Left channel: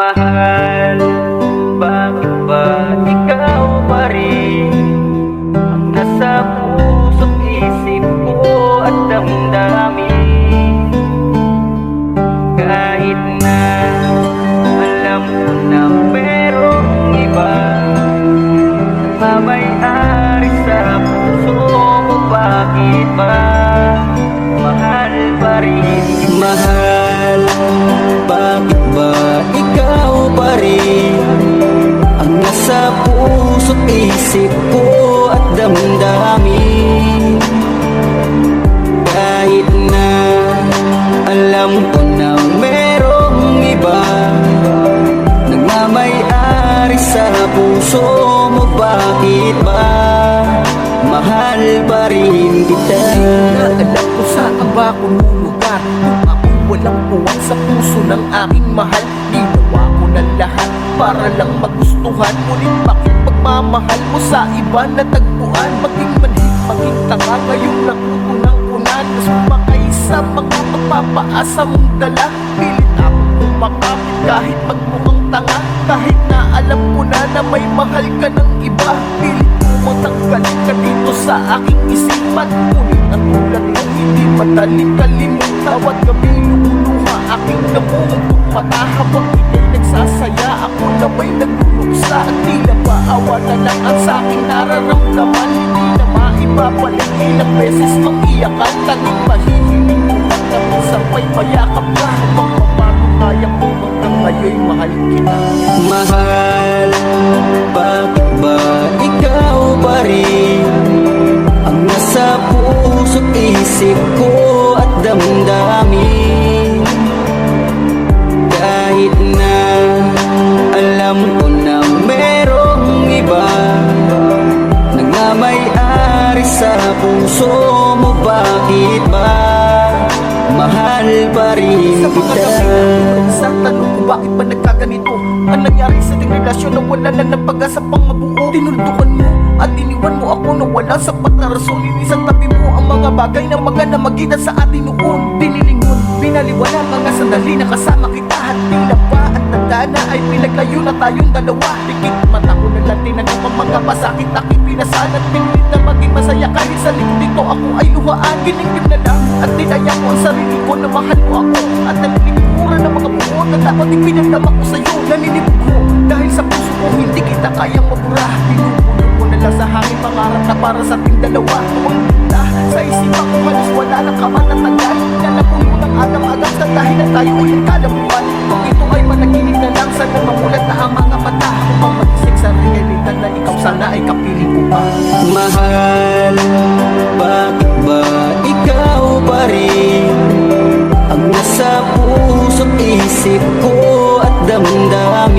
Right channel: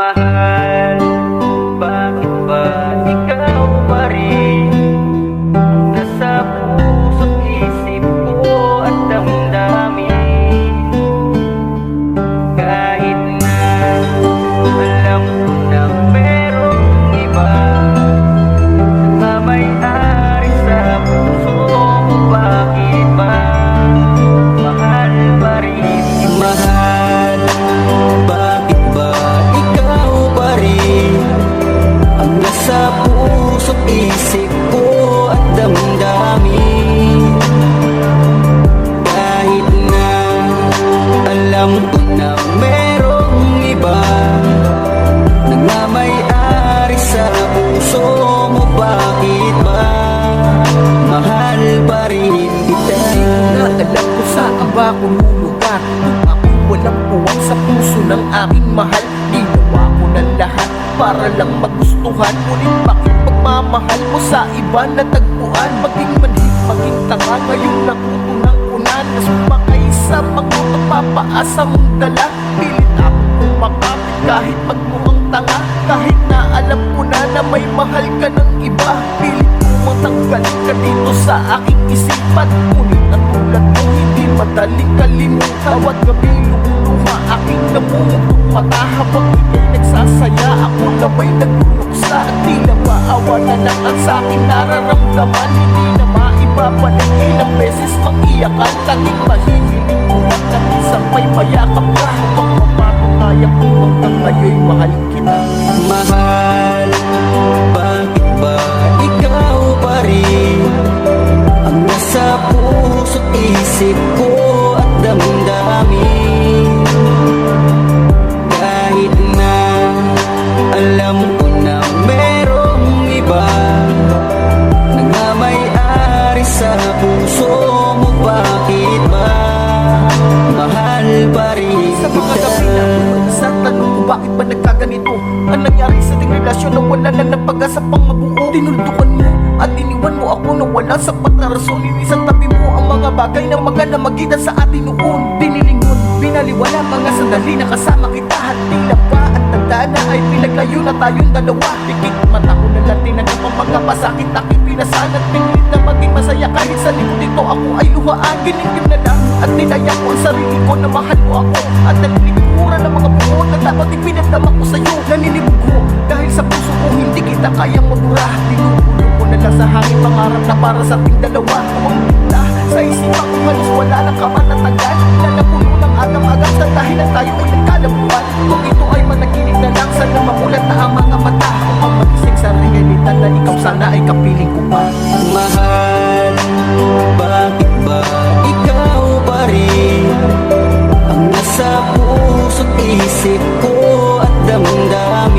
Mahal, bakit ba ikaw pa rin nasa puso't isip ko at damdamin? Kahit na alam ko na merong iba na may-ari sa puso mo, bakit ba mahal pa rin kita? Mahal, bakit ba ikaw pa rin ang nasa puso't isip ko at damdamin? Kahit na alam ko na merong iba nagmamay-ari sa puso mo, bakit ba mahal pa rin kita? Hindi ko na alam kung saan ba ako lulugar kung ako walang puwang sa puso ng aking mahal. Ginawa ko na lahat para lang magustuhan, ngunit bakit pagmamahal mo sa iba natagpuan? Maging manhid, maging tanga, ngayon natutunan ko na na sumakay sa mga mapapaasa mong dala. Pilit ako kumakapit kahit magmukhang tanga, kahit na alam ko na na may mahal ka ng iba. Pilit ko matanggalin ka dito sa aking isipan, ngunit ang tulad mo hindi madaling kalimutan. Bawat gabi lumuluha aking namumutong mata habang ika'y nagsasaya, ako na may nagluluksa. At tila ba awa na lang ang sa'king nararamdaman, hindi na maibabalik. Ilang beses mang iyakan, tanging mahihiling ko at na minsan pa'y mayakap ka. Habang mapatunayan ko hanggang ngayon'y mahal kita. Mahal, bakit ba ikaw pa rin ang nasa puso't isip ko at damdamin? Kahit na alam ko na merong iba nagmamay-ari sa puso mo, bakit ba mahal pa rin Sa mga kita? gabi na ako sa tanong ko, bakit ba nagkaganito? Ang nangyari sa ating relasyon na wala na ng pag-asa pang mabuo? Tinuldukan mo at iniwan mo ako na wala sapat na rason. Inisan tabi mo ang mga bagay na maganamagitan sa atin noon. Binilingon, binaliwala mga sandali na kasama kita. At tila ba at tanda na ay pinaglayo na tayong dalawa. Dikit mata ko na lang tinanggap ang mga pasakit, aking pinasan at pinilit na maging masaya. Kahit sa likod nito ako ay luhaan, ginigim na lang at nilaya ko ang sarili ko na mahal mo ako. At nalilikuran ng mga buo na dapat ipinagdama ko sa'yo. Naninibog ko dahil sa puso ko hindi kita kayang mabura. Binubulong ko na lang sa hangin pangarap na para sa ating dalawa. Tuwang kita sa isipan ko halos wala ng kamanatagan, na napuno ng agam-agam sa dahil na tayo ay nagkalabuan. Kung ito ay managinip na lang, sana mamulat na ang mga mata upang magising sa realidad na ikaw sana ay kapiling ko pa. Mahal, bakit ba ikaw pa rin ang nasa puso't isip ko at damdamin?